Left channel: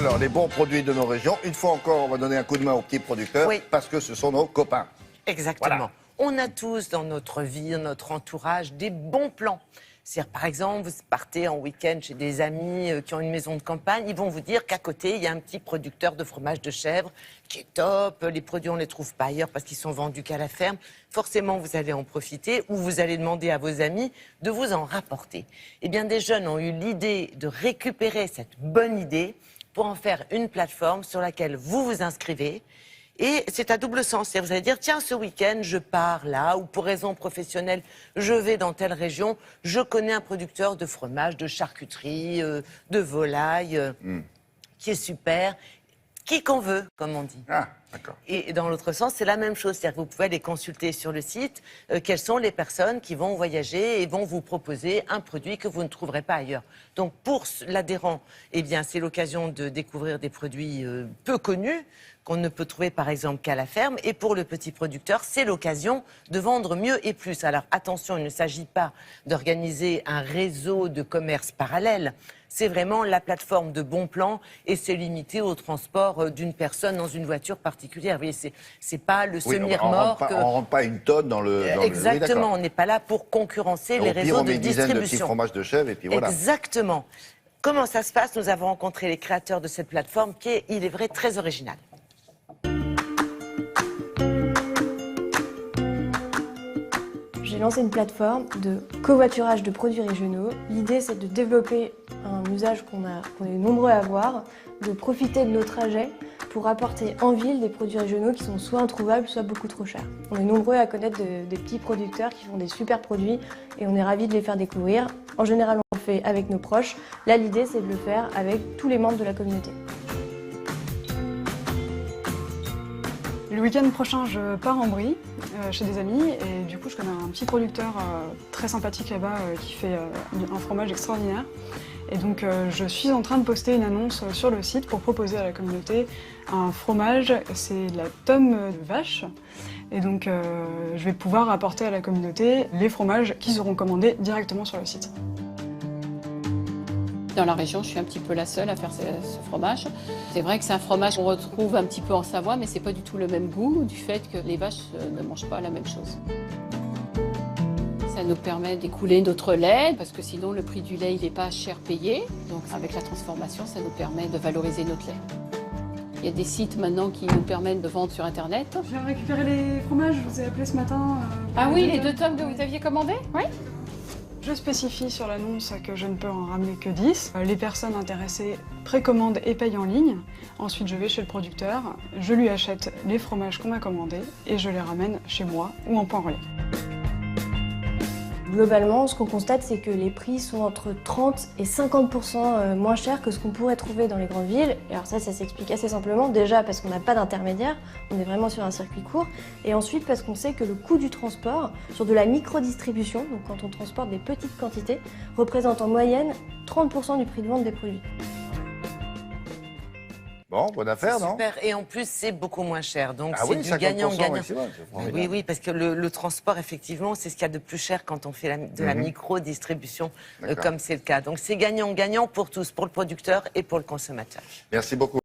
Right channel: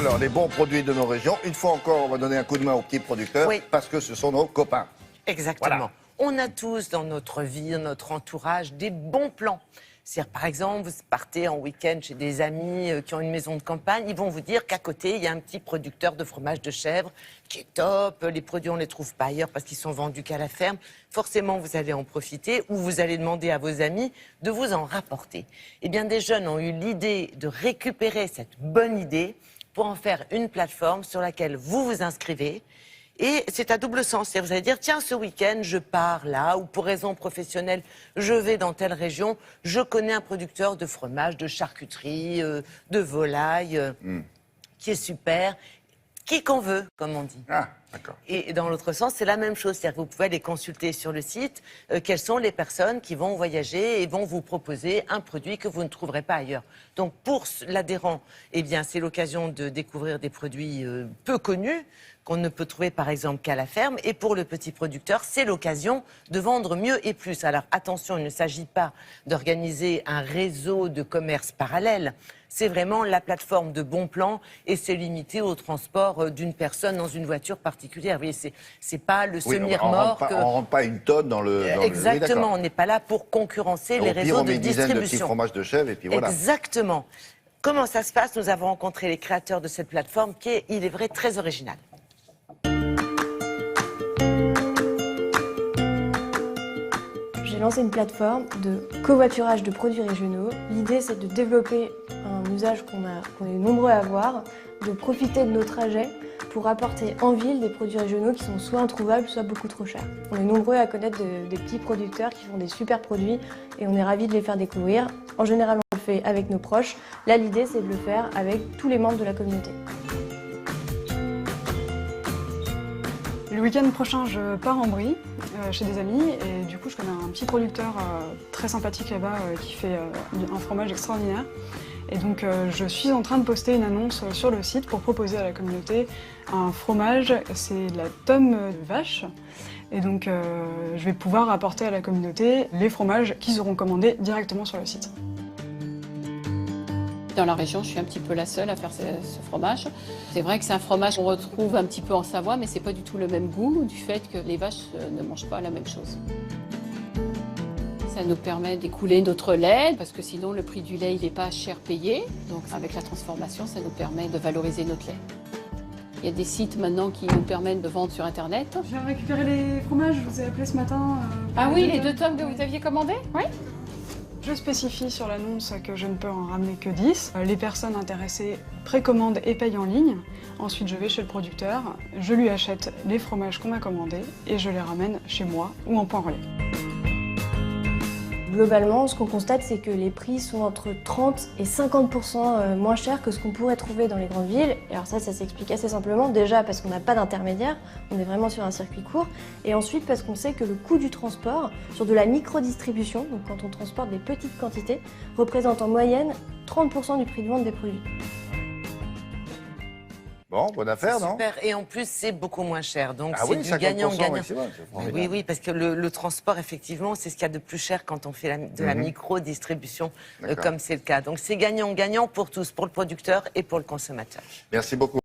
Alors, les bons produits de nos régions. Une fois encore, on va donner un coup de main aux petits producteurs parce que ce sont nos copains. Exactement. Voilà. On a tous dans notre vie, dans notre entourage, des bons plans. C'est-à-dire, par exemple, vous partez en week-end chez des amis qui ont une maison de campagne, ils vont vous dire qu'à côté, il y a un petit producteur de fromage de chèvre qui est top. Les produits, on ne les trouve pas ailleurs parce qu'ils sont vendus qu'à la ferme. Forcément, vous allez en profiter ou vous allez demander à vos amis de vous en rapporter. Eh bien, des jeunes ont eu l'idée de récupérer cette bonne idée pour en faire une plateforme sur laquelle vous vous inscrivez. Et c'est à double sens. C'est-à-dire, vous allez dire, tiens, ce week-end, je pars là, ou pour raison professionnelle, je vais dans telle région, je connais un producteur de fromage, de charcuterie, de volaille, qui est super, qui qu'on veut, comme on dit. Ah, d'accord. Et dans l'autre sens, c'est la même chose. C'est-à-dire que vous pouvez aller consulter sur le site quelles sont les personnes qui vont voyager et vont vous proposer un produit que vous ne trouverez pas ailleurs. Donc, pour l'adhérent, eh bien, c'est l'occasion de découvrir des produits peu connus, qu'on ne peut trouver par exemple qu'à la ferme. Et pour le petit producteur, c'est l'occasion de vendre mieux et plus. Alors attention, il ne s'agit pas d'organiser un réseau de commerce parallèle. C'est vraiment la plateforme de bons plans et c'est limité au transport d'une personne dans une voiture particulière. Vous voyez, c'est pas le semi-remorque. On ne rentre pas une tonne dans le... Exactement, on n'est pas là pour concurrencer les réseaux de distribution. On met une dizaine de petits fromages de chèvre et puis voilà. Exactement. Comment ça se passe? Nous avons rencontré les créateurs de cette plateforme qui est, il est vrai, très originale. J'ai lancé une plateforme de covoiturage de produits régionaux. L'idée, c'est de développer un usage qu'on est nombreux à avoir, de profiter de nos trajets pour apporter en ville des produits régionaux qui sont soit introuvables, soit beaucoup trop chers. On est nombreux à connaître des petits producteurs qui font des super produits et on est ravis de les faire découvrir. En général, on le fait avec nos proches. Là, l'idée, c'est de le faire avec tous les membres de la communauté. Le week-end prochain, je pars en Brie chez des amis et du coup, je connais un petit producteur très sympathique là-bas qui fait un fromage extraordinaire. Et donc, je suis en train de poster une annonce sur le site pour proposer à la communauté un fromage, c'est de la tonne de vache. Et donc, je vais pouvoir apporter à la communauté les fromages qu'ils auront commandés directement sur le site. Dans la région, je suis un petit peu la seule à faire ce fromage. C'est vrai que c'est un fromage qu'on retrouve un petit peu en Savoie, mais c'est pas du tout le même goût, du fait que les vaches ne mangent pas la même chose. Ça nous permet d'écouler notre lait, parce que sinon le prix du lait il n'est pas cher payé. Donc avec la transformation, ça nous permet de valoriser notre lait. Il y a des sites maintenant qui nous permettent de vendre sur Internet. Je viens de récupérer les fromages, je vous ai appelé ce matin. Ah oui, les 2 tonnes que vous aviez commandées? Oui. Je spécifie sur l'annonce que je ne peux en ramener que 10. Les personnes intéressées précommandent et payent en ligne. Ensuite, je vais chez le producteur, je lui achète les fromages qu'on m'a commandés et je les ramène chez moi ou en point relais. Globalement, ce qu'on constate, c'est que les prix sont entre 30 et 50% moins chers que ce qu'on pourrait trouver dans les grandes villes. Et alors ça s'explique assez simplement, déjà parce qu'on n'a pas d'intermédiaire, on est vraiment sur un circuit court, et ensuite parce qu'on sait que le coût du transport sur de la micro-distribution, donc quand on transporte des petites quantités, représente en moyenne 30% du prix de vente des produits. Bon, bonne affaire, non? Super. Et en plus, c'est beaucoup moins cher. Donc, Ah c'est oui, du gagnant-gagnant. Oui, Oui, parce que le transport, effectivement, c'est ce qu'il y a de plus cher quand on fait de la micro-distribution, comme c'est le cas. Donc, c'est gagnant-gagnant pour tous, pour le producteur et pour le consommateur. Merci beaucoup.